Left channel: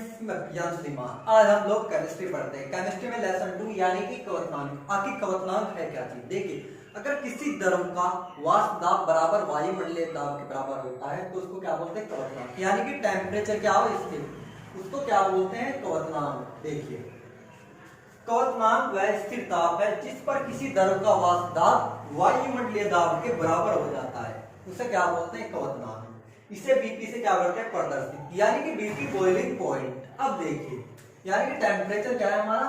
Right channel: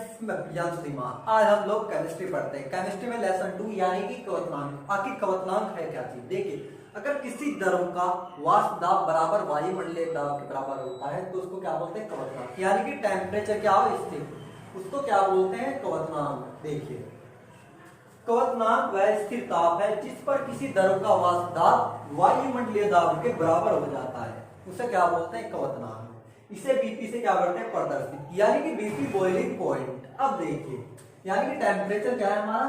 Friends, मैं प्रियांशु धीमान। आज हम लोग केमिस्ट्री पढ़ते हैं। केमिस्ट्री में लेसन 2 यानी कि क्वथनांक। आखिर क्वथनांक है क्या चीज? देखिए, अगर किसी द्रव का वाष्प दाब बराबर वायुमंडलीय दाब के बराबर होता है तो उसको क्या बोलते हैं? क्वथनांक। यानी कि टेम्परेचर क्या हो स्थिर, उसको क्या बोलते हैं? क्वथनांक। देखिए, क्वथनांक वह स्थिर ताप है जिस पर किसी द्रव का वाष्प दाब वायुमंडलीय दाब के बराबर हो जाता है, उसे क्या बोलते हैं? क्वथनांक। इसे बीपी से क्या करते हैं? प्रदर्शित, यानी कि बीपी बॉइलिंग पॉइंट। अब देखिए, यानी कि टेम्परेचर क्या है हमारा?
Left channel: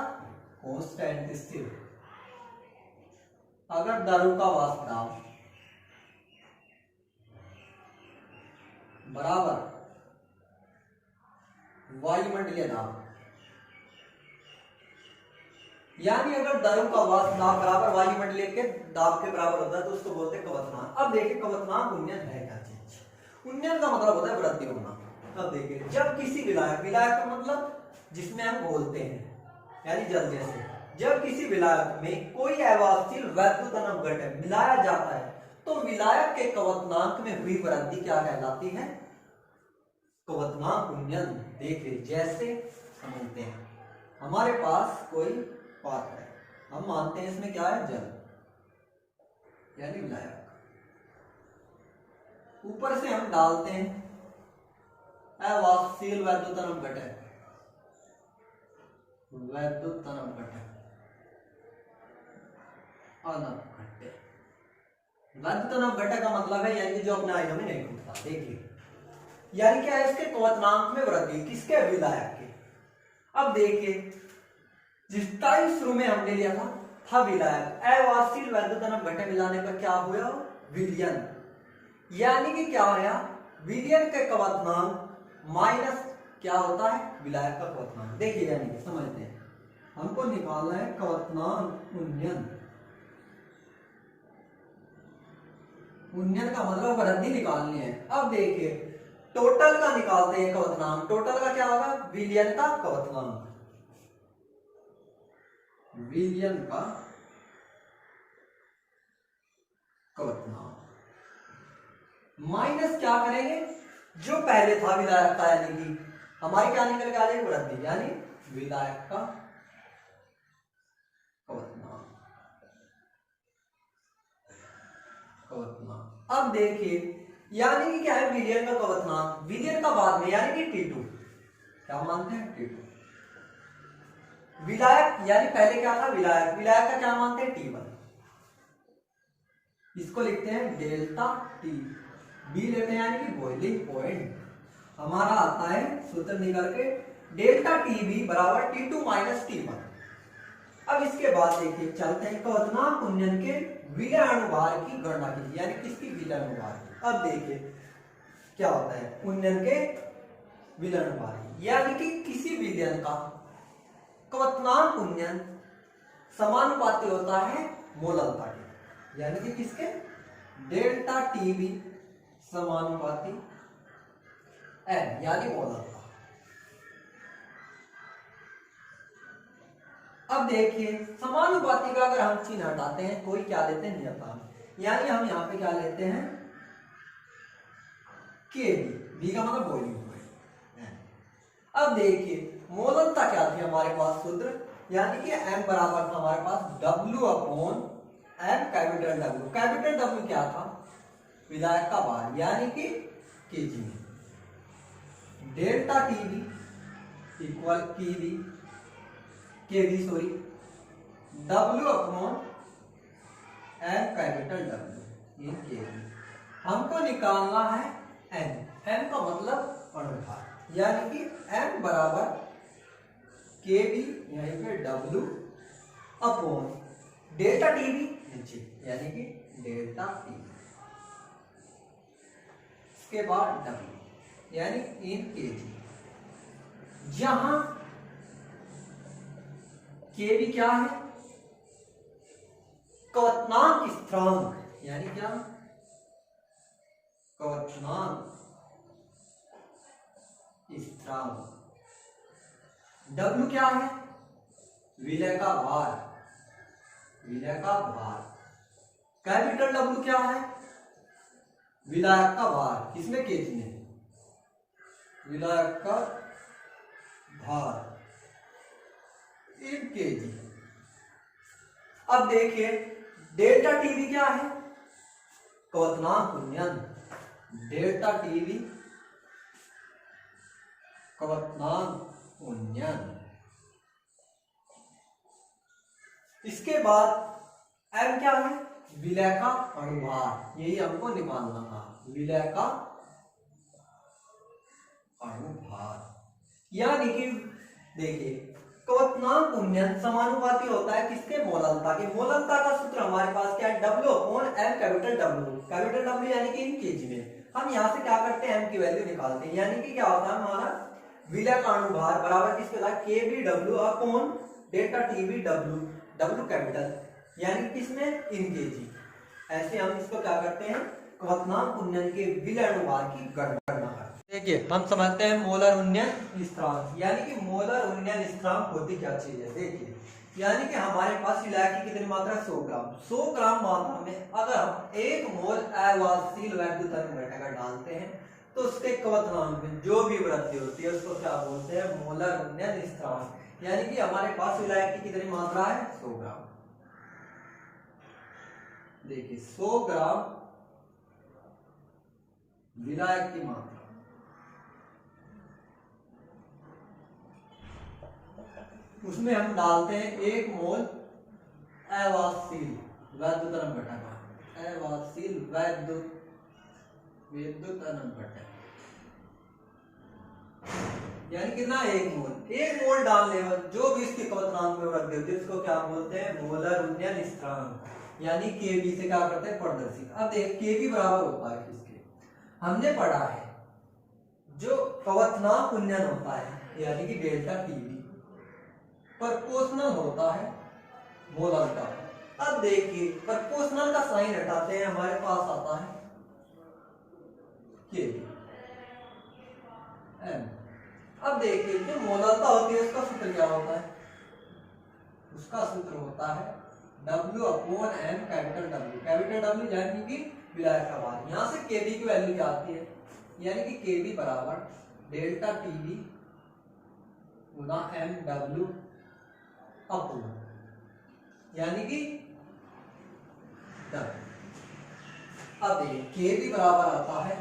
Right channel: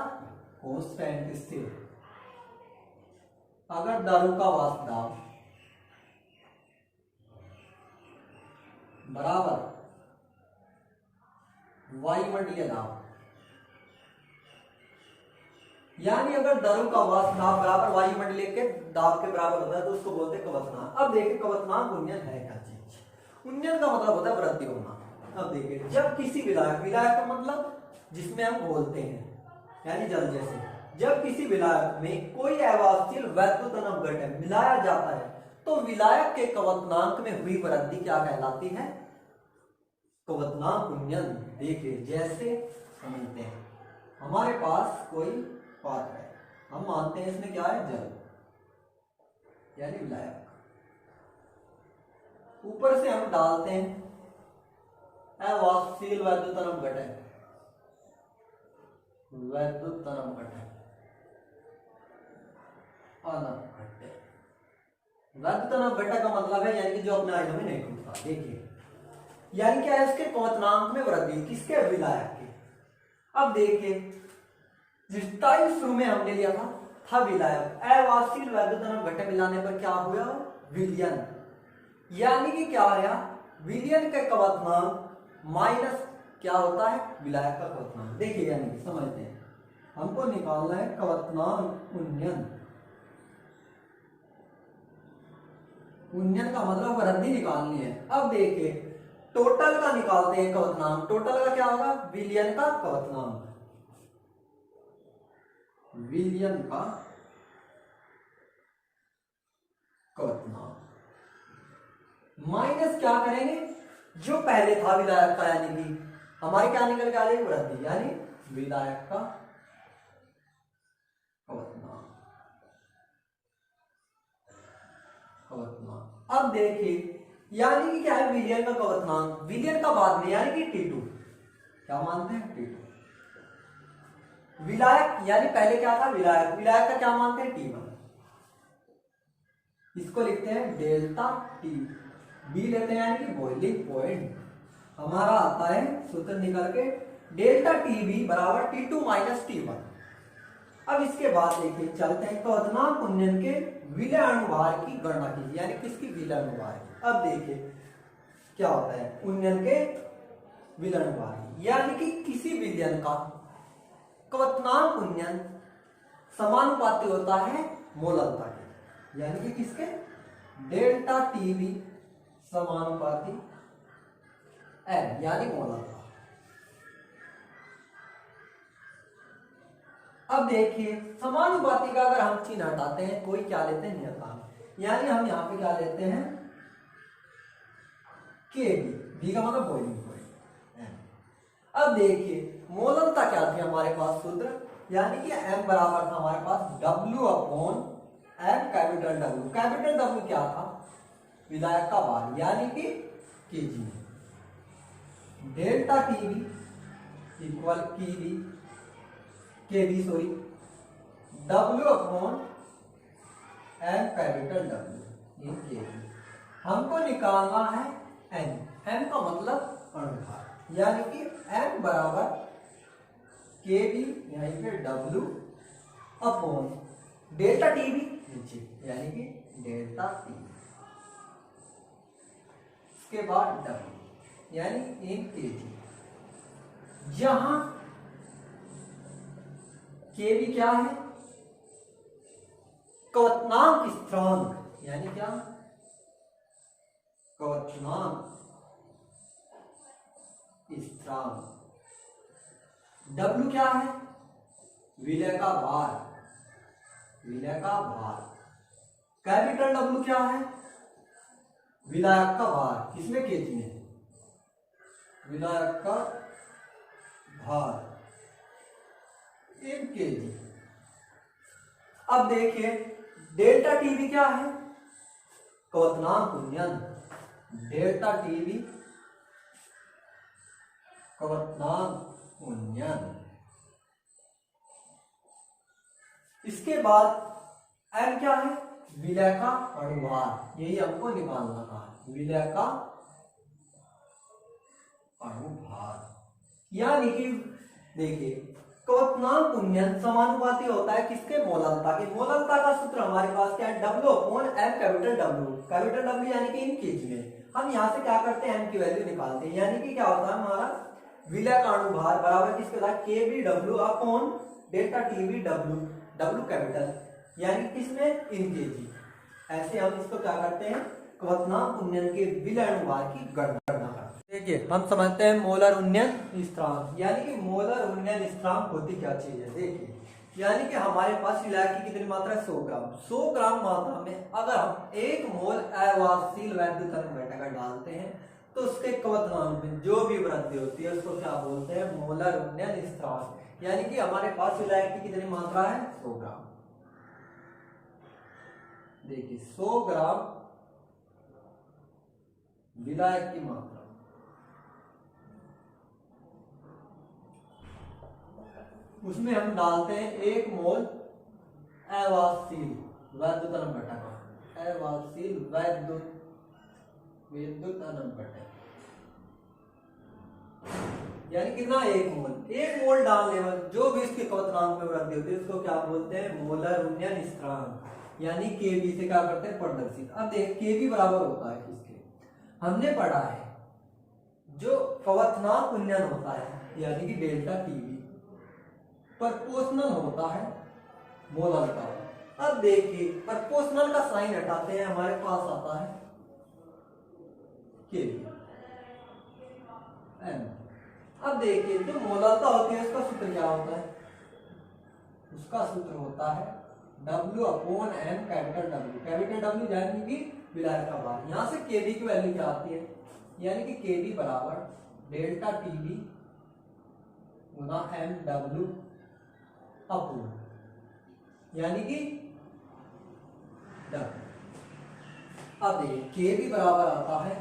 कांस्टेंट, स्थिर। अगर द्रव का वाष्प दाब बराबर वायुमंडलीय दाब, यानी अगर द्रव का वाष्प दाब बराबर वायुमंडलीय के दाब के बराबर होता है तो उसको बोलते हैं क्वथनांक। अब देखिए, क्वथनांक उन्नयन है क्या चीज? उन्नयन का मतलब होता है वृद्धि होना। अब देखिए, जब किसी विलायक, विलायक का मतलब जिसमें हम घोलते हैं, यानी जल जैसे, जब किसी विलायक में कोई अवाष्पशील वैद्युत अपघटन मिलाया जाता है तो विलायक के क्वथनांक में हुई वृद्धि क्या कहलाती है? क्वथनांक उन्नयन। देखिए, जैसे समझते हैं, हमारे पास कोई पात्र है, हम मानते हैं इसमें क्या है? जल, यानी विलायक। ऊपर से हम डालते हैं अवाष्पशील वैद्युत अपघटन, वैद्युत अपघटन, अनपघट्य। वैद्युत अपघटन का मतलब है यानी कि जो अपने आयनों में नहीं टूटता। देखिए, यानी क्या है? इसके क्वथनांक में वृद्धि, किसके? विलायक के। अब देखिए, जिस टाइम शुरू में हमने लिया था विलायक, अवाष्पशील वैद्युत अपघटन मिलाने पर क्या हुआ? विलयन। यानी कि क्या आया? विलयन के क्वथनांक माइनस क्या होता है? विलायक का क्वथनांक। देखिए, यानी कि समझते हैं, हमको निकालना है क्वथनांक उन्नयन। उन्नयन का मतलब वृद्धि निकालनी है। अब देखिए, टोटल का निकालते हैं क्वथनांक। टोटल का क्या होगा? विलयन का क्वथनांक, विलयन का क्वथनांक माइनस क्या करेंगे? जो पहले था विलायक का, यानी कि हमारी क्या निकल के आ जाएगी? वृद्धि, यानी विलायक का क्वथनांक। अब देखिए, यानी कि क्या है? विलयन का क्वथनांक, विलयन का बाद में यानी कि T2, क्या मानते हैं? T2। विलायक यानी पहले क्या था? विलायक, विलायक का क्या मानते हैं? T1। इसको लिखते हैं डेल्टा टी। बी लेते हैं यानी कि बॉइलिंग पॉइंट। हमारा आता है सूत्र निकल के डेल्टा टी बी बराबर T2 माइनस T1। अब इसके बाद देखिए, चलते हैं क्वथनांक उन्नयन के विलय अनुभार की गणना कीजिए, यानी किसकी? विलय अनुभार की। अब देखिए क्या होता है उन्नयन के विलय अनुभार, यानी कि किसी विलयन का क्वथनांक उन्नयन समानुपाती होता है मोललता के, यानी कि किसके? डेल्टा टी बी समानुपाती एन, यानी मोललता। अब देखिए, समानुपाती का अगर हम चिन्ह हटाते हैं, कोई क्या लेते हैं? नियतांक, यानी हम यहां पे क्या लेते हैं? के बी। बी का मतलब बॉइलिंग पॉइंट। अब देखिए, मोललता क्या थी हमारे पास सूत्र, यानी कि m बराबर था हमारे पास W upon m capital W। Capital W क्या था? विलायक का भार, यानी कि केजी में। Delta T B equal K B W upon m capital W in K B. हमको निकालना है n। n का मतलब अनुभार, यानी कि m बराबर के बी यहीं पे W upon delta T B नीचे, यानी कि डेल्टा टी, इसके बाद W यानी इन के बी, जहां के बी क्या है? क्वथनांक स्थिरांक, यानी क्या? क्वथनांक स्थिरांक। W क्या है? विलय का भार, विलय का भार। कैपिटल W क्या है? विलायक का भार, किसमें? केजी में। विलायक का भार इन केजी। अब देखिए डेल्टा टीवी क्या है, क्वथनांक उन्नयन। डेल्टा टीवी क्वथनांक उन्नयन। इसके बाद एम क्या है, विलय का अणुभार, यही हमको निकालना था, विलय का अणुभार। यानी कि देखिए क्वथनांक उन्नयन समानुपाती होता है किसके, मोललता के। मोललता का सूत्र हमारे पास क्या है, W upon M capital W। Capital W यानी कि इन केजी में। हम यहाँ से क्या करते हैं, M की वैल्यू निकालते हैं। यानी कि क्या होता है हमारा विलय का अणुभार बराबर किसके होता है, KBW upon delta TB W, W capital यानी किसमें, इन केजी। ऐसे हम इसको क्या करते हैं, क्वथनांक उन्नयन के विलय अणुभार की गणना करते हैं। देखिए हम समझते हैं मोलर उन्नयन स्थिरांक। यानी कि मोलर उन्नयन स्थिरांक होती क्या चीज है, देखिए यानी कि हमारे पास विलय की कितनी मात्रा है, 100 ग्राम। 100 ग्राम मात्रा में अगर हम 1 मोल अवाहशील वैद्युत घटक डालते हैं तो उसके क्वथनांक में जो भी वृद्धि होती है उसको क्या बोलते हैं, मोलर उन्नयन स्थिरांक। यानी कि हमारे पास विलय की कितनी मात्रा है, 100 ग्राम। देखिए 100 ग्राम विलायक की मात्रा, उसमें हम डालते हैं 1 मोल अवाहशील वैद्युत घटक, अवाहशील विद्युत घटक। यानी कितना, 1 मोल। 1 मोल डालने पर जो भी इसके क्वथनांक में वृद्धि होती है उसको क्या बोलते हैं, मोलर उन्नयन स्थिरांक। यानी केबी से क्या करते हैं, प्रदर्शित। अब देख केबी बराबर होता है किसके, हमने पढ़ा है जो क्वथनांक उन्नयन होता है यानी कि डेल्टा टीवी प्रोपोर्शनल होता है मोलर का। अब देखिए प्रोपोर्शनल का साइन हटाते हैं, हमारे पास आता है केबी एम। अब देखिए जो मोलरता होती है उसका सूत्र क्या होता है, उसका सूत्र होता है W upon M capital W। Capital W यानी कि विलायक का भार। यहां से केबी की वैल्यू क्या आती है, यानी कि केबी बराबर डेल्टा टीवी गुना MW अपॉन यानी कि W। अब देखिए केबी बराबर आता है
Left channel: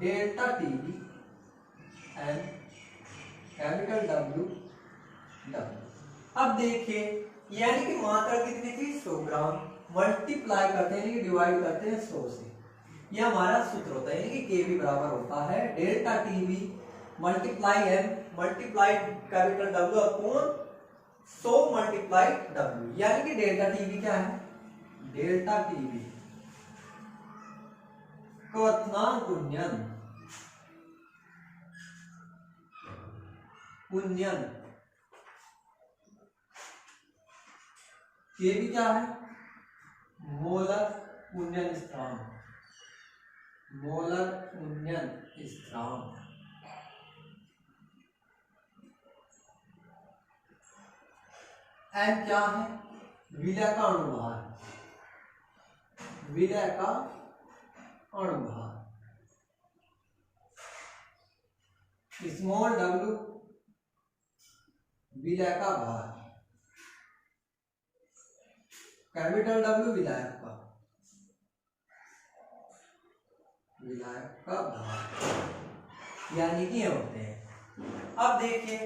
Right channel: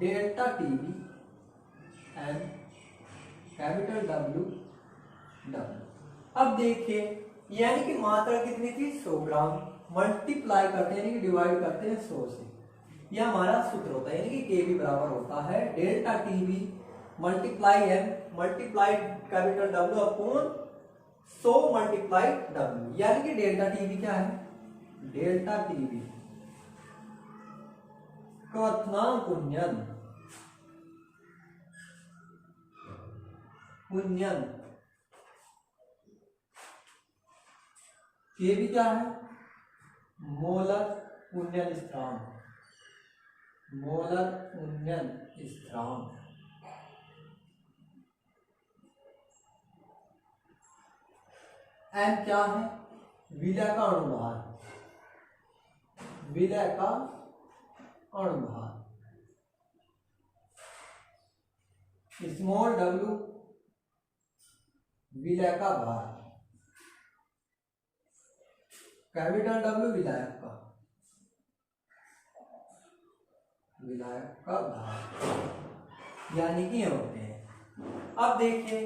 delta TV M capital W W। अब देखिए यानी कि मात्रा कितनी थी, 100 ग्राम। मल्टीप्लाई करते हैं, डिवाइड करते हैं 100 से। यह हमारा सूत्र होता है, यानी कि केबी बराबर होता है delta TV multiply M multiply capital W upon 100 multiply W। यानी कि डेल्टा टीवी क्या है, डेल्टा टीवी क्वथनांक उन्नयन केबी क्या है, मोलर उन्नयन स्थिरांक, मोलर उन्नयन स्थिरांक। एम क्या है, विलय का अणुभार, विलय का अणुभार। स्मॉल w विलय का भार, कैपिटल W विलायक का भार, यानी कि ये होते हैं। अब देखिए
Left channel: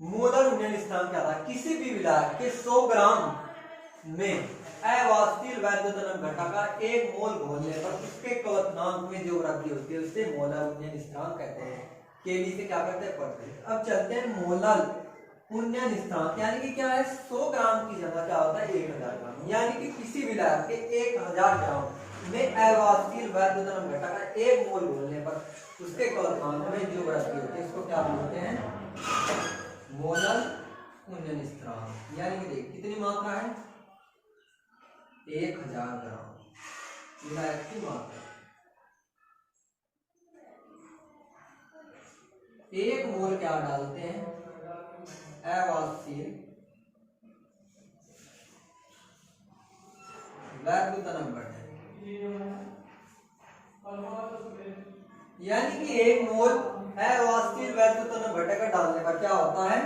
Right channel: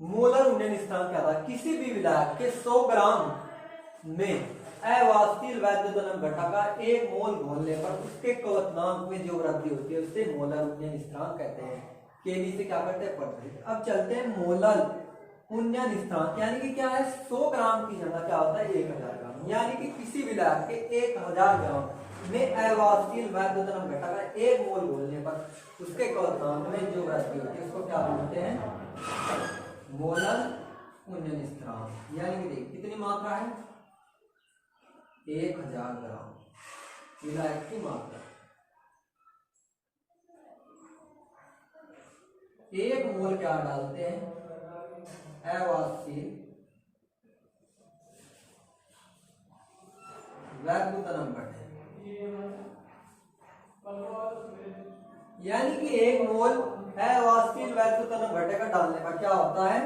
मोलर उन्नयन स्थिरांक क्या था, किसी भी विलायक के 100 ग्राम में अवाहशील वैद्युत घटक का 1 मोल घोलने पर उसके क्वथनांक में जो वृद्धि होती है उसे मोलर उन्नयन स्थिरांक कहते हैं। केबी से क्या करते हैं, पढ़ते हैं। अब चलते हैं मोलर उन्नयन स्थिरांक, यानी कि क्या है, 100 ग्राम की जगह क्या होता है 1000 ग्राम। यानी कि किसी विलायक के 1000 ग्राम में अवाहशील वैद्युत घटक का 1 मोल घोलने पर उसके क्वथनांक में जो वृद्धि होती है उसको क्या बोलते हैं, मोलर उन्नयन स्थिरांक। यानी कि देख कितनी मात्रा है, 1000 ग्राम विलायक की मात्रा। 1 मोल क्या डालते हैं, अवाहशील वैद्युत घटक। यानी कि 1 मोल अवाहशील वैल्यू तनक घटक डालने पर क्या होता है,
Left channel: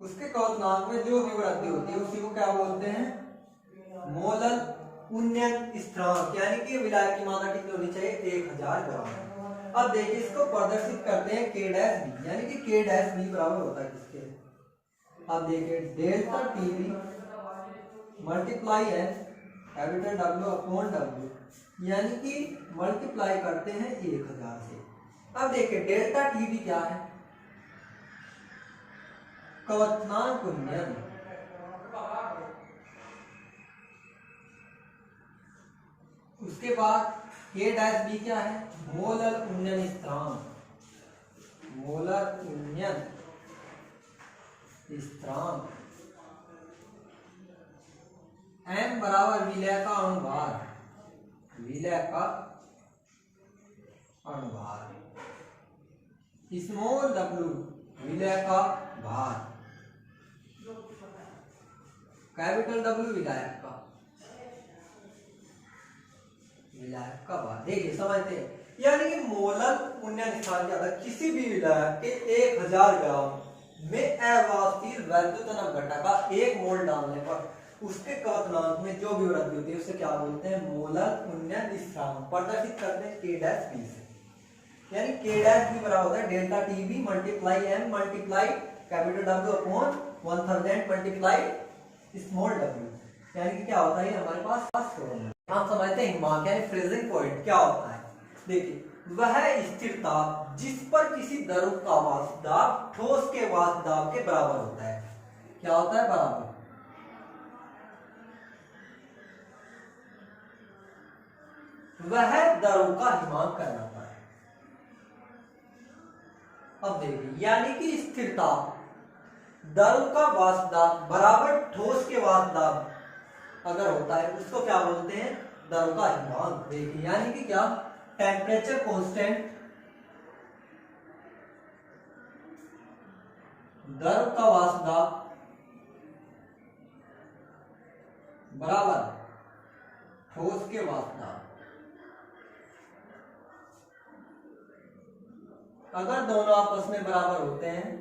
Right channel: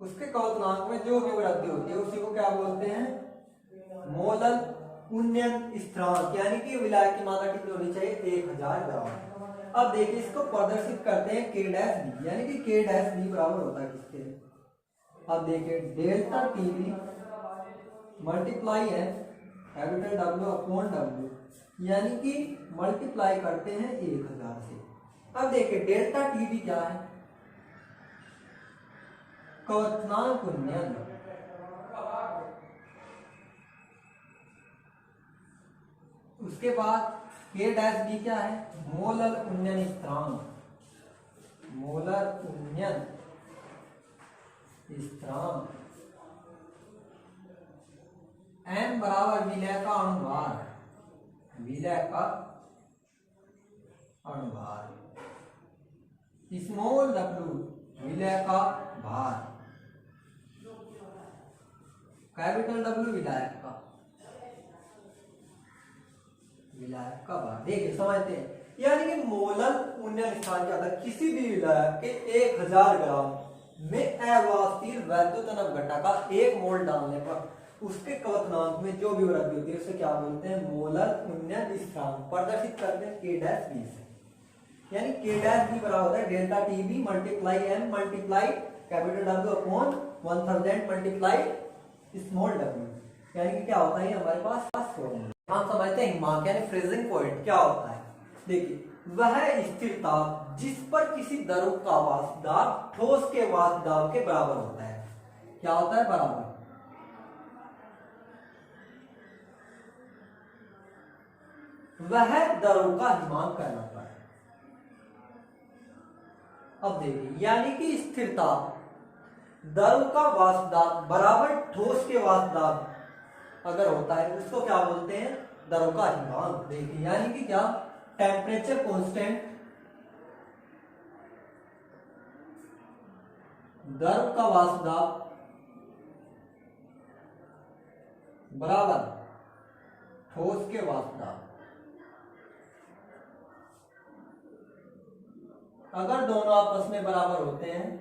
उसके क्वथनांक में जो भी वृद्धि होती है उसी को क्या बोलते हैं, मोलल उन्नयन स्थिरांक, यानी कि विलायक की मात्रा कितनी होनी चाहिए, 1000 ग्राम। अब देखिए इसको प्रदर्शित करते हैं k डैश बी, यानी कि k डैश बी बराबर होता है किसके, अब देखिए डेल्टा टी बी मल्टीप्लाई है कैपिटल W अपॉन W, यानी कि मल्टीप्लाई करते हैं 1000 से। अब देखिए डेल्टा टी बी क्या है, क्वथनांक उन्नयन, उसके बाद k डैश बी क्या है, मोलर उन्नयन स्थिरांक, मोलर उन्नयन स्थिरांक, n बराबर विलय का अणुभार, विलय का अणुभार, स्मॉल w विलय का भार, कैपिटल W विलायक का, विलायक का भार। देखिए समझते हैं, यानी कि मोलर उन्नयन स्थान क्या था, किसी भी विलायक के 1000 ग्राम में अवाष्पशील वैद्युतनक घटक का 1 मोल डालने पर उसके क्वथनांक में जो भी वृद्धि होती है उसे क्या बोलते हैं, मोलर उन्नयन स्थिरांक। प्रदर्शित करते हैं k डैश बी से, यानी k डैश बी बराबर होता है delta T B multiply m multiply capital W upon 1000 multiply small w, यानी कि क्या होता है हमारे पास फॉर्मूला। हम समझते हैं हिमांक यानी फ्रीजिंग पॉइंट क्या होता है। देखिए वह स्थिरता जिस पर किसी द्रव का वाष्प दाब ठोस के वाष्प दाब के बराबर होता है, क्या होता है, बराबर। वह द्रव का हिमांक कहलाता है। अब देखिए यानी कि स्थिरता द्रव का वाष्प दाब बराबर ठोस के वाष्प दाब अगर होता है उसको क्या बोलते हैं, द्रव का हिमांक। देखिए यानी कि क्या, टेम्परेचर कांस्टेंट द्रव का वाष्प दाब बराबर ठोस के वाष्प दाब, अगर दोनों आपस में बराबर होते हैं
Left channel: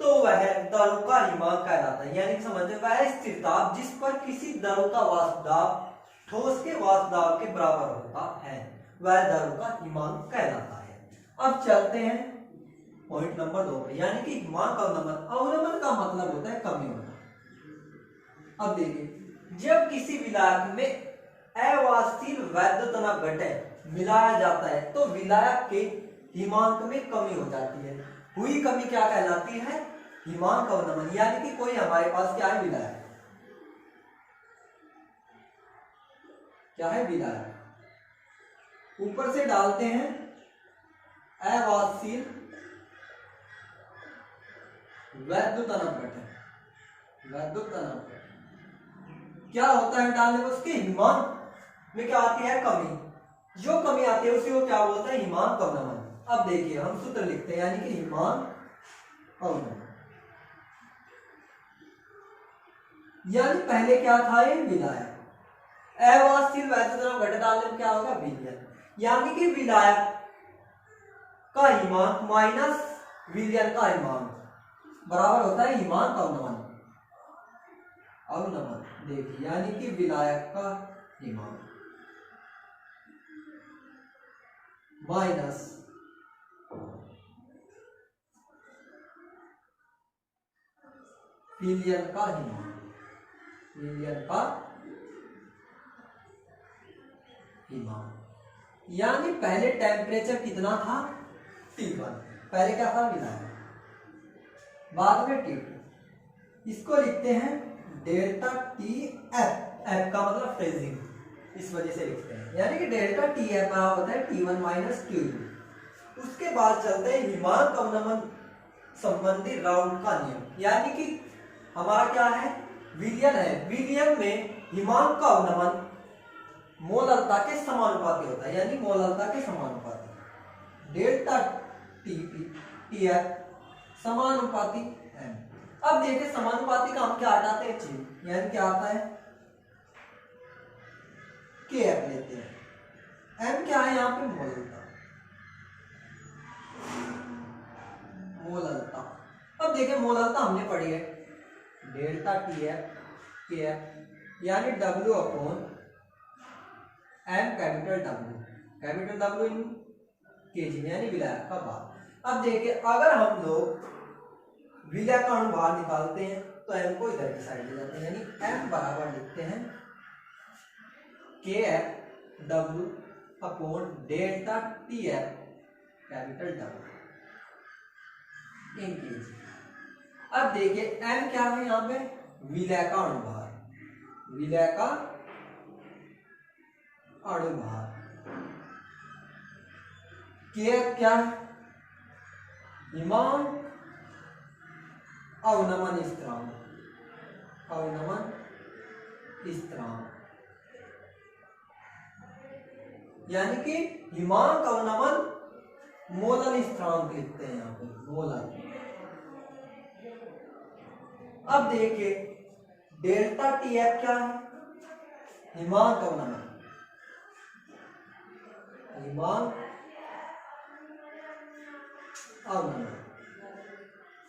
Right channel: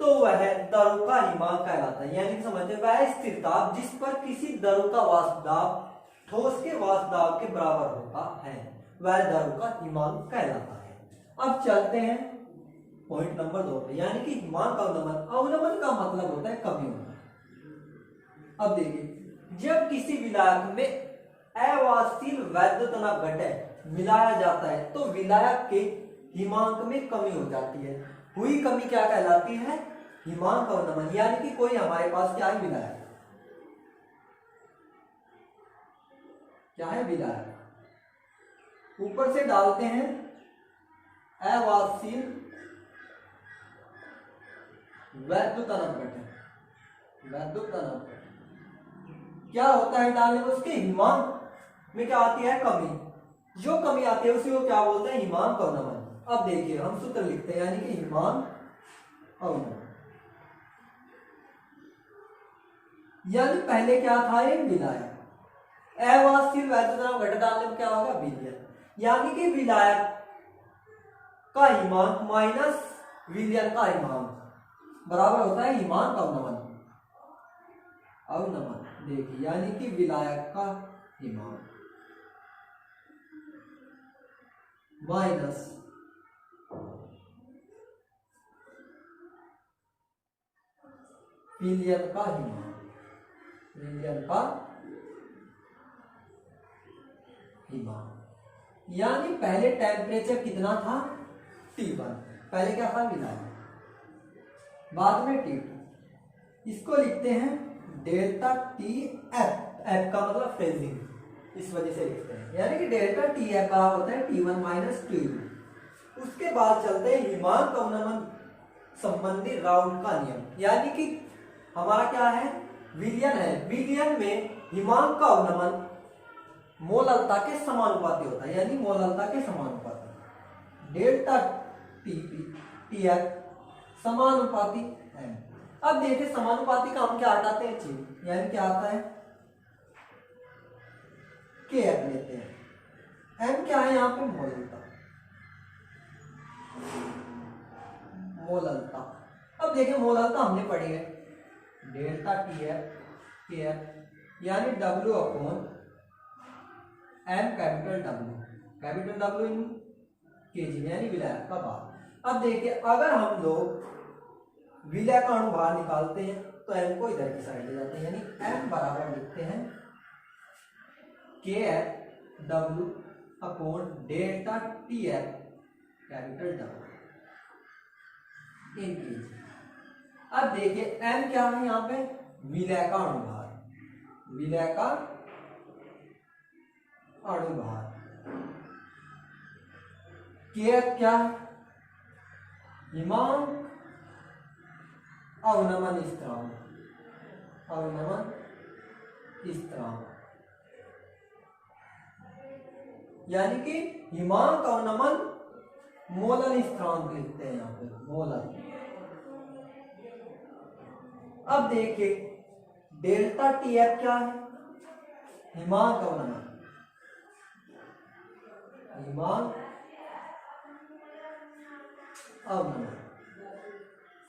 तो वह द्रव का हिमांक कहलाता है। यानी कि समझते वह स्थिरता जिस पर किसी द्रव का वाष्प दाब ठोस के वाष्प दाब के बराबर होता है वह द्रव का हिमांक कहलाता है। अब चलते हैं पॉइंट नंबर 2 पे, यानी कि हिमांक अवनमन। अवनमन का मतलब होता है कमी होना। अब देखिए जब किसी विलायक में अवाष्पशील वैद्युतनक घटक मिलाया जाता है तो विलायक के हिमांक में कमी हो जाती है। हुई कमी क्या कहलाती है, हिमांक अवनमन। यानी कि कोई हमारे पास क्या है, विलायक, क्या है, विलायक, ऊपर से डालते हैं अवाष्पशील वैद्युतनक घटक, वैद्युतनक घटक क्या होता है डालने में, उसके हिमांक में क्या आती है, कमी। जो कमी आती है उसी को क्या बोलते हैं, हिमांक अवनमन। अब देखिए हम सूत्र लिखते हैं, यानी कि हिमांक अवनमन, यानी पहले क्या था, ये विलायक, अवाष्पशील वैद्युतनक घटक डालने में क्या होगा, विलयन, यानी कि विलायक का हिमांक माइनस विलयन का हिमांक बराबर होता है हिमांक अवनमन। अवनमन देखिए यानी कि विलायक का हिमांक माइनस विलयन का हिमांक, विलयन का हिमांक। यानी पहले टेम्परेचर कितना था, T1, पहले क्या था, विलायक, बाद में T2। इसको लिखते हैं डेल्टा टी एफ, एफ का मतलब फ्रीजिंग, इस वजह से लिखते हैं, यानी कि डेल्टा टी एफ बराबर होता है T1 माइनस T2। उसके बाद चलते हैं हिमांक अवनमन संबंधी राउल्ट का नियम, यानी कि हमारा क्या है, विलयन है, विलयन में हिमांक का अवनमन मोललता के समानुपाती होता है, यानी मोललता के समानुपाती, डेल्टा टी एफ समानुपाती एम। अब देखिए समानुपाती का हम क्या हटाते हैं, ची, यानी क्या आता है, के एफ लेते हैं, एम क्या है यहाँ पे, मोललता, मोललता। अब देखिए मोललता हमने पढ़ी है delta T F K F यानी W upon M capital W in kg यानी विलायक का भार। अब देखिए अगर हम लोग विलायक का अनुभार निकालते हैं तो एम को इधर की साइड ले जाते हैं यानी एम बराबर लिखते हैं K F W upon delta T F capital W in kg. अब देखिए एम क्या है यहाँ पे विलय का अनुभार के क्या है हिमांक अवनमन स्थिरांक यानी कि हिमांक अवनमन मोलन स्थिरांक लिखते हैं यहाँ पे मोलन। अब देखिए डेल्टा टी एफ क्या है हिमांक अवनमन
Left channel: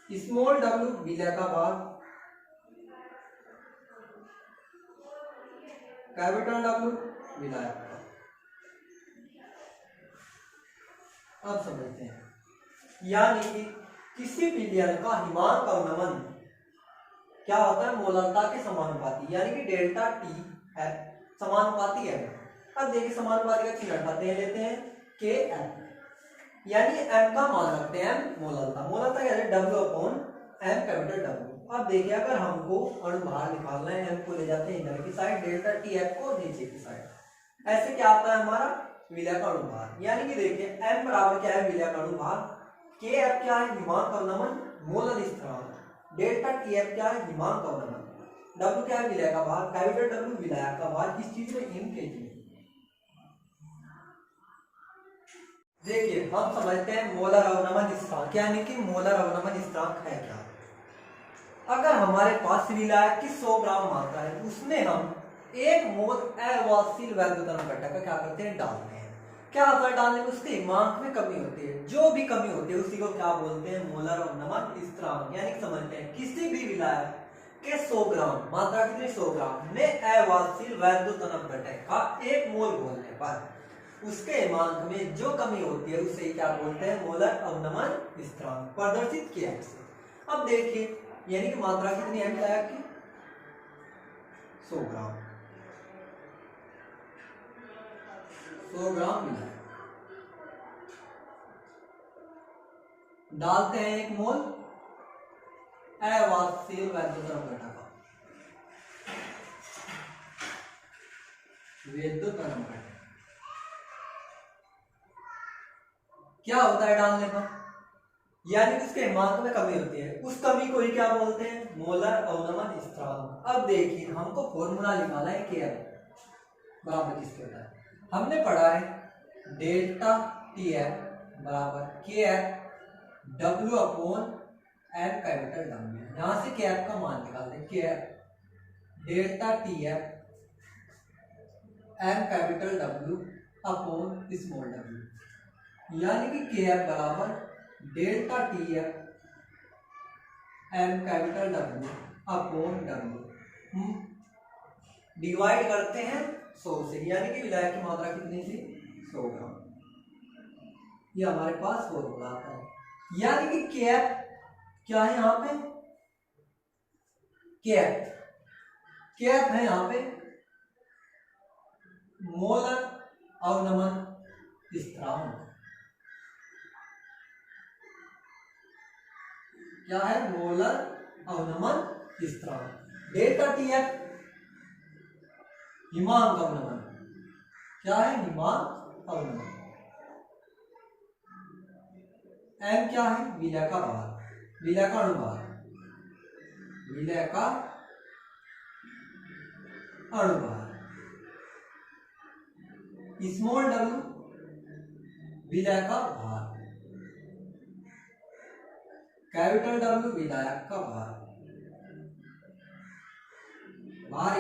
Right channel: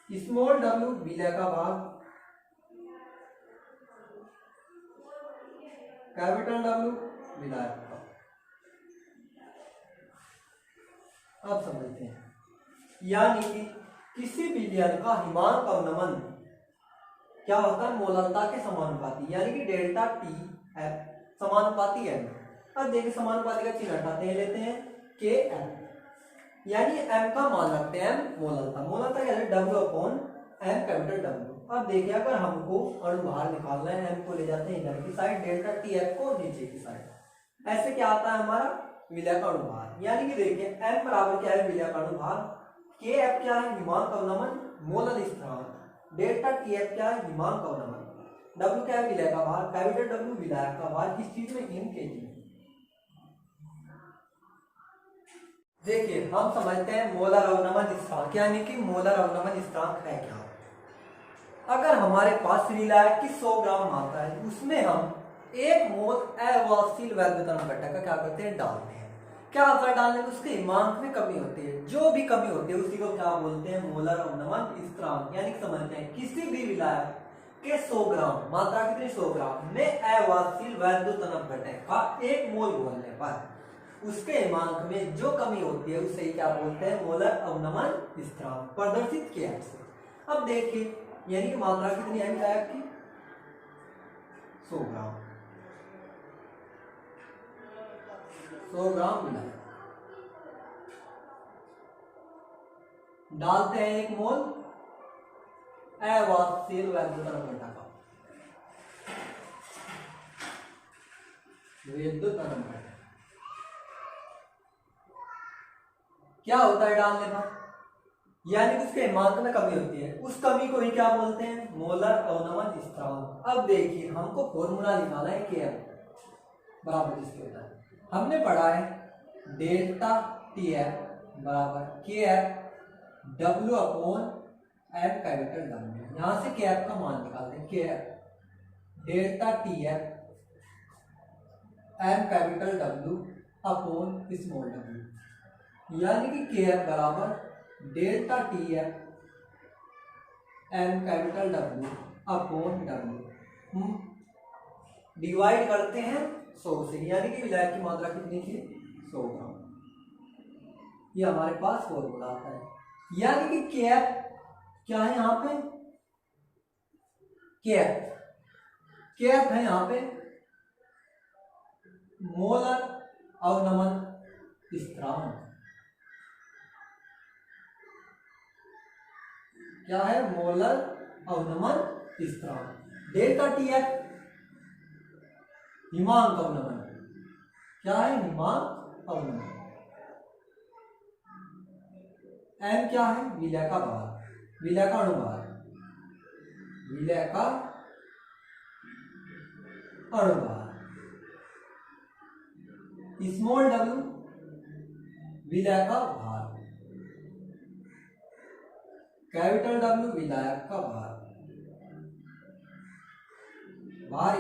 स्मॉल डब्ल्यू विलय का भाग कैपिटल डब्ल्यू विलायक का। अब समझते हैं यानी कि किसी विलयन का हिमांक अवनमन क्या होता है मोललता के समानुपाती यानी कि डेल्टा टी एफ समानुपाती है। अब देखिए समानुपाती का चिन्ह हटाते हैं लेते हैं के एफ यानी एम का मान रखते हैं एम मोललता क्या है W upon M capital W. अब देखिए अगर हमको अनुभार निकालना है एम को ले जाते हैं इधर की साइड डेल्टा टी एफ को नीचे की साइड। ऐसे क्या आता है हमारा विलय का अनुभार यानी कि देखिए एम बराबर क्या है विलय का अनुभार के एफ क्या है हिमांक अवनमन मोलन स्थिरांक डेल्टा टी एफ क्या है हिमांक अवनमन डब्ल्यू क्या है विलय का भार कैपिटल डब्ल्यू विलायक का भार किस चीज में इन केजी में। देखिए हम समझते हैं मोलर अवनमन स्थिरांक यानी कि मोलर अवनमन स्थिरांक है क्या। अगर हमारे पास विलायक की 100 ग्राम मात्रा है उसमें हम 1 मोल अवाष्यशील वैद्युतरण घटक का क्या करते हैं डालते हैं। क्या होता है डालने में उसके हिमांक में कमी होती है जो भी कमी होती है उसी को क्या बोलते हैं मोलर अवनमन स्थिरांक यानी समझते हैं किसी भी विलायक के 100 ग्राम मात्रा कितनी 100 ग्राम में अवाष्यशील वैद्युतरण घटक का 1 मोल घोलने पर उसके हिमांक में जो कमी होती है उसे क्या बोलते हैं मोलर अवनमन स्थिरांक प्रदर्शित किया है। अब देखिए यानी कि मात्रा कितनी है विलायक की 100 ग्राम विलायक डालते हैं 1 मोल अवाष्यशील वैद्युतरण घटक क्या होता है डालने पर यानी उसके हिमांक में कमी होती है उस कमी को ही क्या बोलते हैं मोलर अवनमन स्थिरांक। अब देखिए हमको फॉर्मूला निकालना है के एफ बराबर किसके होता है हमने पढ़ा है डेल्टा टी एफ बराबर K F W upon M capital W. यहां से के एफ का मान निकालते हैं K F delta T F M capital W upon small W यानी कि के एफ बराबर delta T F M capital W upon W divide करते हैं 100 से यानी कि विलायक की मात्रा कितनी थी 100 ग्राम। ये हमारे पास फॉर्मूला आता है यानी कि के एफ क्या है यहाँ पे के एफ है यहाँ पे मोलर अवनमन स्थिरांक क्या है मोलर अवनमन स्थिरांक। डेल्टा टी एफ हिमांक अवनमन क्या है हिमांक अवनमन। एम क्या है विलय का भार विलय का अनुभार स्मॉल डब्ल्यू विलय का भार कैपिटल डब्ल्यू विलायक का भार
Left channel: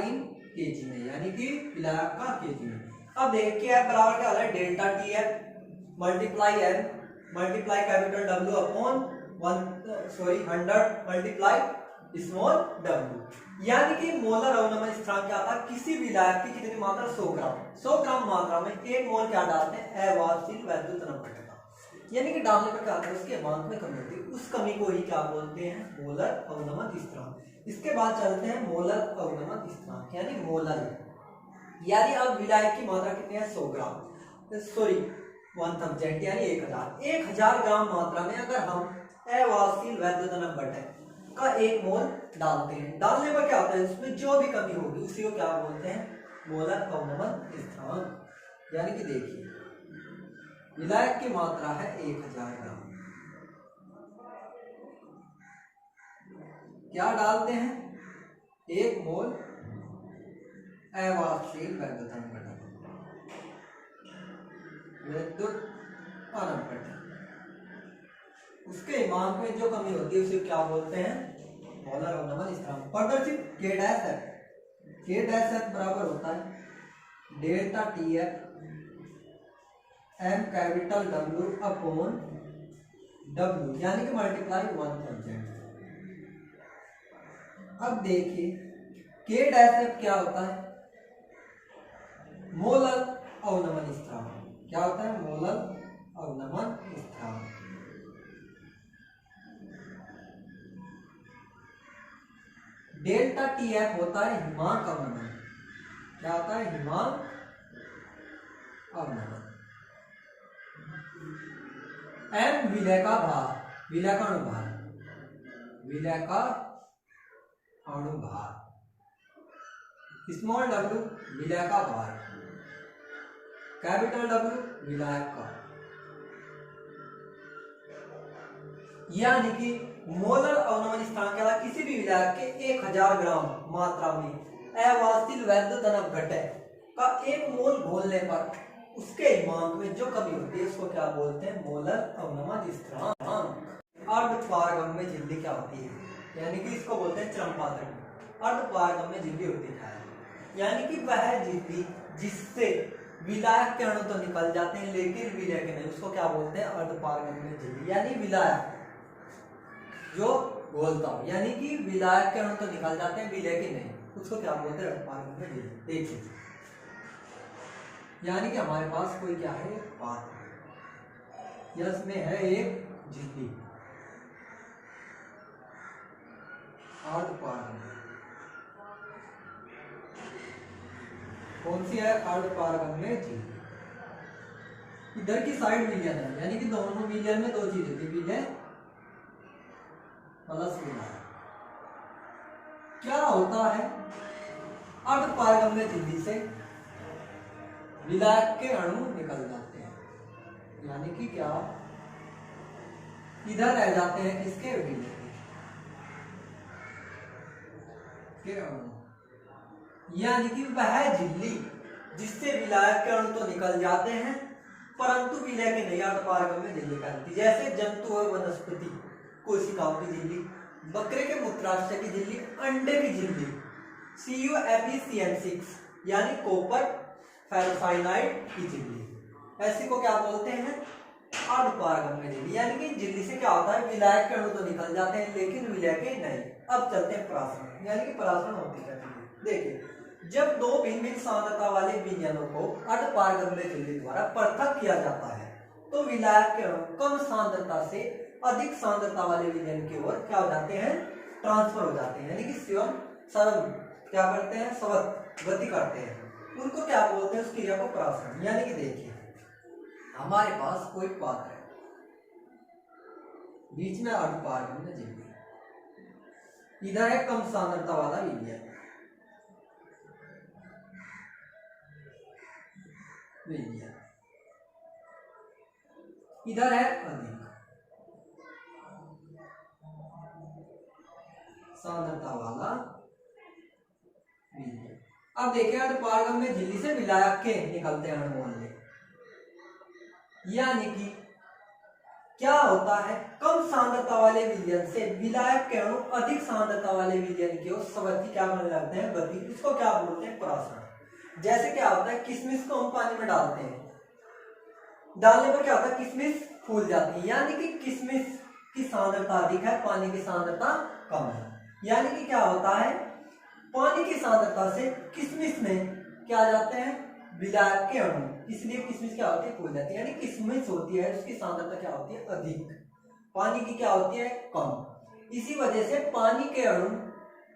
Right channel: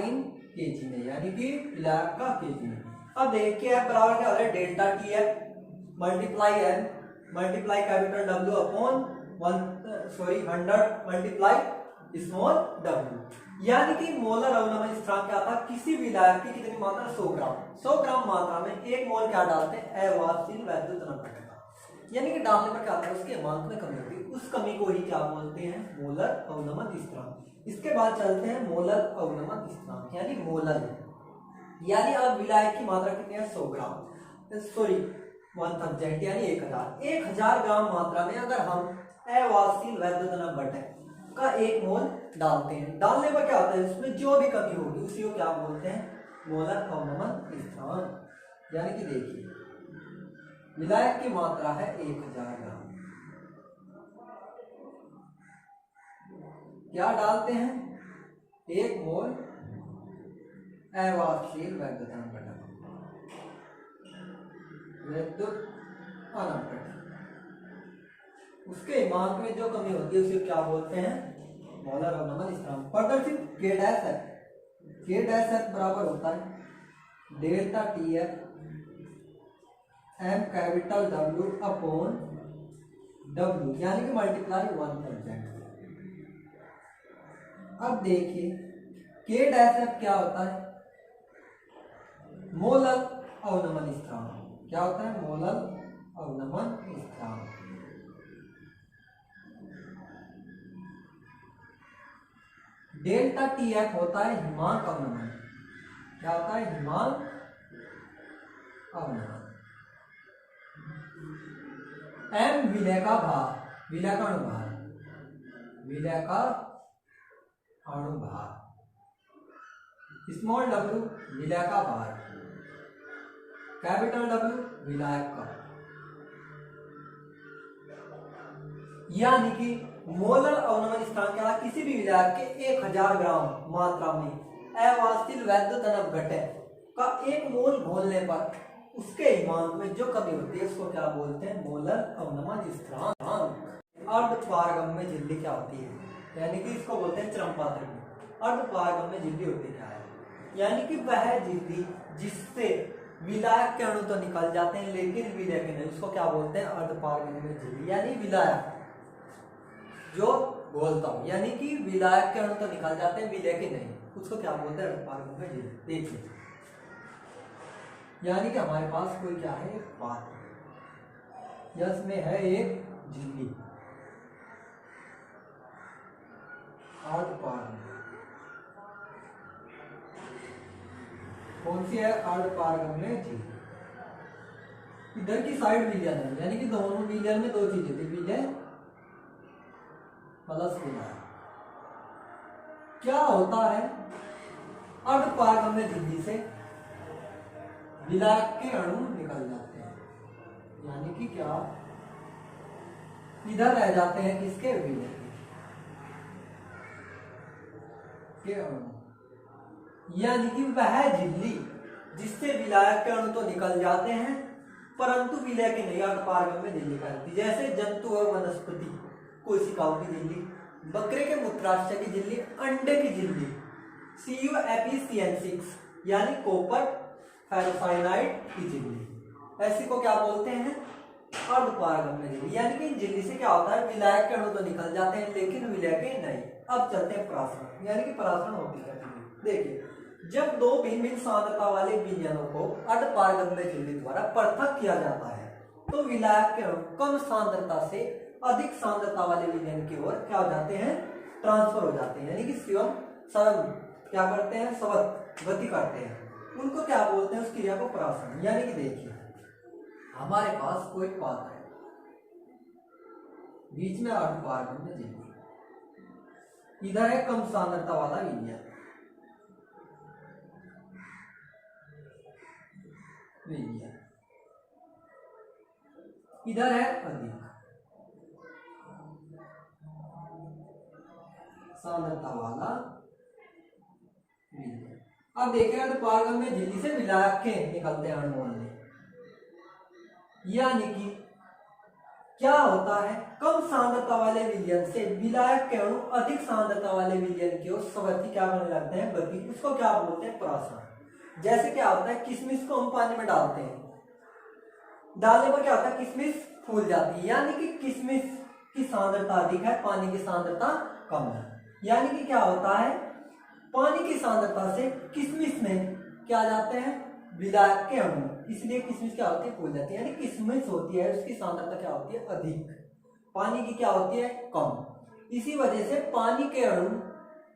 इन केजी में यानी कि विलायक का केजी में। अब देखिए एफ बराबर क्या हो रहा है delta T F multiply M multiply capital W upon 100 multiply small w, यानी कि मोलर अवनमन स्थिरांक क्या था, किसी विलायक की कितनी मात्रा 100 ग्राम, 100 ग्राम मात्रा में एक मोल क्या डालते हैं, अवाहशील वैद्युत नपटता, यानी कि डालने पर क्या होता है, उसके एमाउंट में कमी होती है, उस कमी को ही क्या बोलते हैं, मोलर अवनमन स्थिरांक। इसके बाद चलते हैं मोलर अवनमन स्थिरांक, यानी मोलर, यानी अब विलायक की मात्रा कितनी है, 100 ग्राम, सॉरी 1000 यानी 1000 ग्राम मात्रा में अगर हम अवाहशील वैद्युत नपटक का एक मोल डालते हैं, डालने पर क्या होता है, इसमें जो भी कमी होगी उसी को क्या बोलते हैं, मोलर अवनमन स्थिरांक। यानी कि देखिए विलायक की मात्रा है 1000 ग्राम, क्या डालते हैं, एक मोल अवाहशील वैद्युत नपटक, उसके ईमान में जो कमी होती है उसे क्या बोलते हैं, मोलर अवनमन स्थिरांक। प्रदर्शित K डैश F बराबर होता है delta TF M capital W upon W, यानी कि मल्टीप्लाई 1000। अब देखिए K डैश F क्या होता है, मोलर अवनमन स्थिरांक, क्या होता है, मोलर अवनमन स्थिरांक। डेल्टा TF होता है हिमांक अवनमन, क्या होता है, हिमांक अवनमन। M विलय का भार, विलय का अणुभार, विलय का अणुभार, स्मॉल w विलय का भार, कैपिटल W विलायक का, यानी कि मोलर अवनमन स्थिरांक क्या, किसी भी विलायक के 1000 ग्राम मात्रा में अवाहशील वैद्युत नपटक का एक मोल घोलने पर उसके हिमांक में जो कमी होती है उसको क्या बोलते हैं, मोलर अवनमन स्थिरांक। अर्धपारगम्य झिल्ली क्या होती है, यानी कि इसको बोलते हैं चरमपात्र। अर्धपारगम्य झिल्ली होती क्या है, यानी कि वह झिल्ली जिससे विलायक के अणु तो निकल जाते हैं लेकिन विलय के नहीं, उसको क्या बोलते हैं, अर्धपारगम्य झिल्ली। यानी विलायक जो बोलता हूं, यानी कि विलायक के अणु तो निकल जाते हैं विलय के नहीं, उसको क्या बोलते हैं, अर्धपारगम्य झिल्ली। देखिए यानी कि हमारे पास कोई क्या है, पात्र, इसमें है एक झिल्ली अर्धपारगम्य, कौन सी है, अर्धपारगम्य झिल्ली। इधर की साइड विलयन है, यानी कि दोनों विलयन में दो चीजें थी, विलय प्लस विलय। क्या होता है, अर्धपारगम्य झिल्ली से विलायक के अणु निकल जाते हैं, यानी कि क्या, इधर रह जाते हैं किसके, विलय के अणु, यानी कि वह झिल्ली जिससे विलायक के अणु तो निकल जाते हैं परंतु विलय के नहीं, अर्धपारगम्य झिल्ली कहलाती है। जैसे जंतु और वनस्पति कोशिकाओं की झिल्ली, बकरे के मूत्राशय की झिल्ली, अंडे की झिल्ली, CuFeCN6 यानी कॉपर फेरोसाइनाइड की झिल्ली, ऐसी को क्या बोलते हैं, अर्धपारगम्य झिल्ली। यानी कि झिल्ली से क्या होता है, विलायक के अणु तो निकल जाते हैं लेकिन विलय के नहीं। अब चलते हैं परासरण, यानी कि परासरण होती है, देखिए जब दो भिन्न भिन्न सांद्रता वाले विलयनों को अर्धपारगम्य झिल्ली द्वारा पृथक किया जाता है तो विलायक के अणु कम सांद्रता से अधिक सांद्रता वाले विलयन की ओर क्या हो जाते हैं, ट्रांसफर हो जाते हैं, यानी कि स्वयं क्या करते हैं, स्वतः गति करते हैं, उनको क्या बोलते हैं, उस क्रिया को परासरण। यानी कि देखिए हमारे पास कोई पात्र है, बीच में अर्धपारगम्य झिल्ली, इधर है कम सांद्रता वाला विलयन, इधर है अधिक सांद्रता वाला विलयन। अब देखिए अर्धपारगम्य झिल्ली से विलायक के निकलते हैं अणु मोल, यानी कि क्या होता है, कम सांद्रता वाले विलयन से विलायक के अणु अधिक सांद्रता वाले विलयन की ओर स्वतः क्या करने लगते हैं, गति, इसको क्या बोलते हैं, परासरण। जैसे क्या होता है, किशमिश को हम पानी में डालते हैं, डालने पर क्या होता है, किशमिश फूल जाती है, यानी कि किशमिश की सांद्रता अधिक है, पानी की सांद्रता कम है। यानी कि क्या होता है, पानी की सांद्रता से किशमिश में क्या आ जाते हैं, विलायक के अणु, इसलिए किशमिश क्या होती है, फूल जाती है। यानी किशमिश होती है उसकी सांद्रता क्या होती है, अधिक, पानी की क्या होती है, कम। इसी वजह से पानी के अणु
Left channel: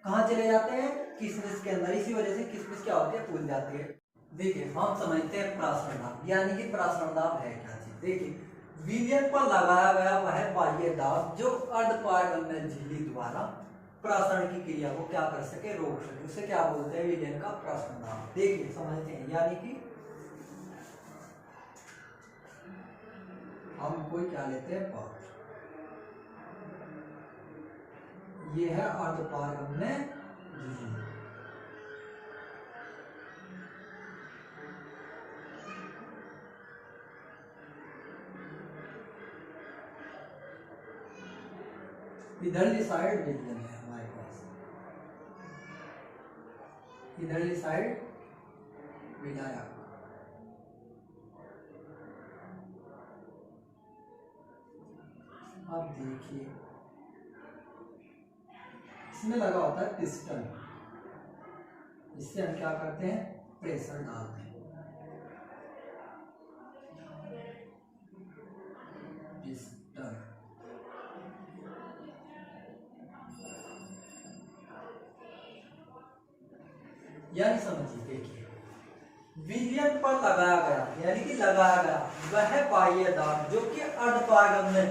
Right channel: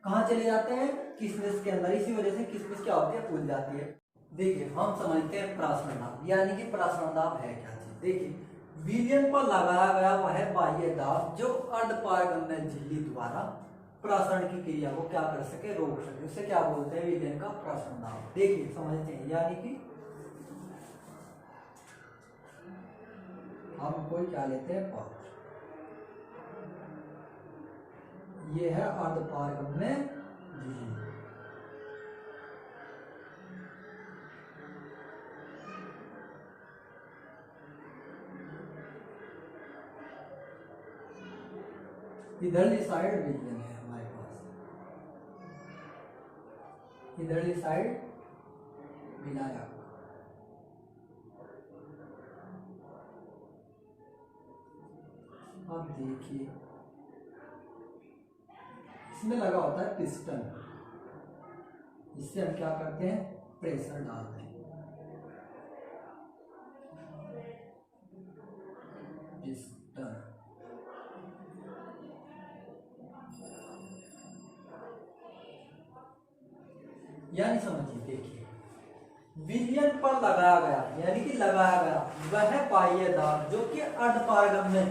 कहाँ चले जाते हैं, किशमिश के अंदर, इसी वजह से किशमिश क्या होती है, फूल जाती है। देखिए हम समझते हैं प्रासरण दाब, यानी कि प्रासरण दाब है क्या चीज। देखिए विलयन पर लगाया गया वह बाह्य दाब जो अर्धपारगम्य झिल्ली द्वारा प्रासरण की क्रिया को क्या कर सके, रोक सके, उसे क्या बोलते हैं, विलयन का प्रासरण दाब। देखिए समझते हैं, यानी कि हम कोई क्या लेते हैं, पात्र, ये है अर्धपारगम्य झिल्ली। इधरली साइड विलयन है हमारे पास, इधरली साइड विलायक। अब देखिए इसमें लगा होता है पिस्टन, इससे हम क्या करते हैं, प्रेशर डालते हैं, पिस्टन। यानी समझिए, देखिए विलयन पर लगाया गया, यानी कि लगाया गया वह बाह्य दाब जो कि अर्धपारगम्य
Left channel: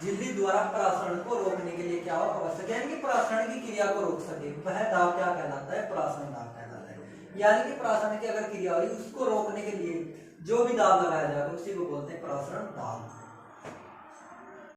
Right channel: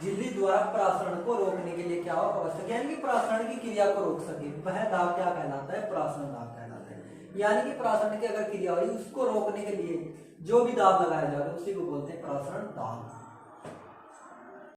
झिल्ली द्वारा प्रासरण को रोकने के लिए क्या हो, आवश्यक, यानी कि प्रासरण की क्रिया को रोक सके, वह दाब क्या कहलाता है, प्रासरण दाब कहलाता है। यानी कि प्रासरण की अगर क्रिया हो रही उसको रोकने के लिए जो भी दाब लगाया जाएगा उसी को बोलते हैं प्रासरण दाब।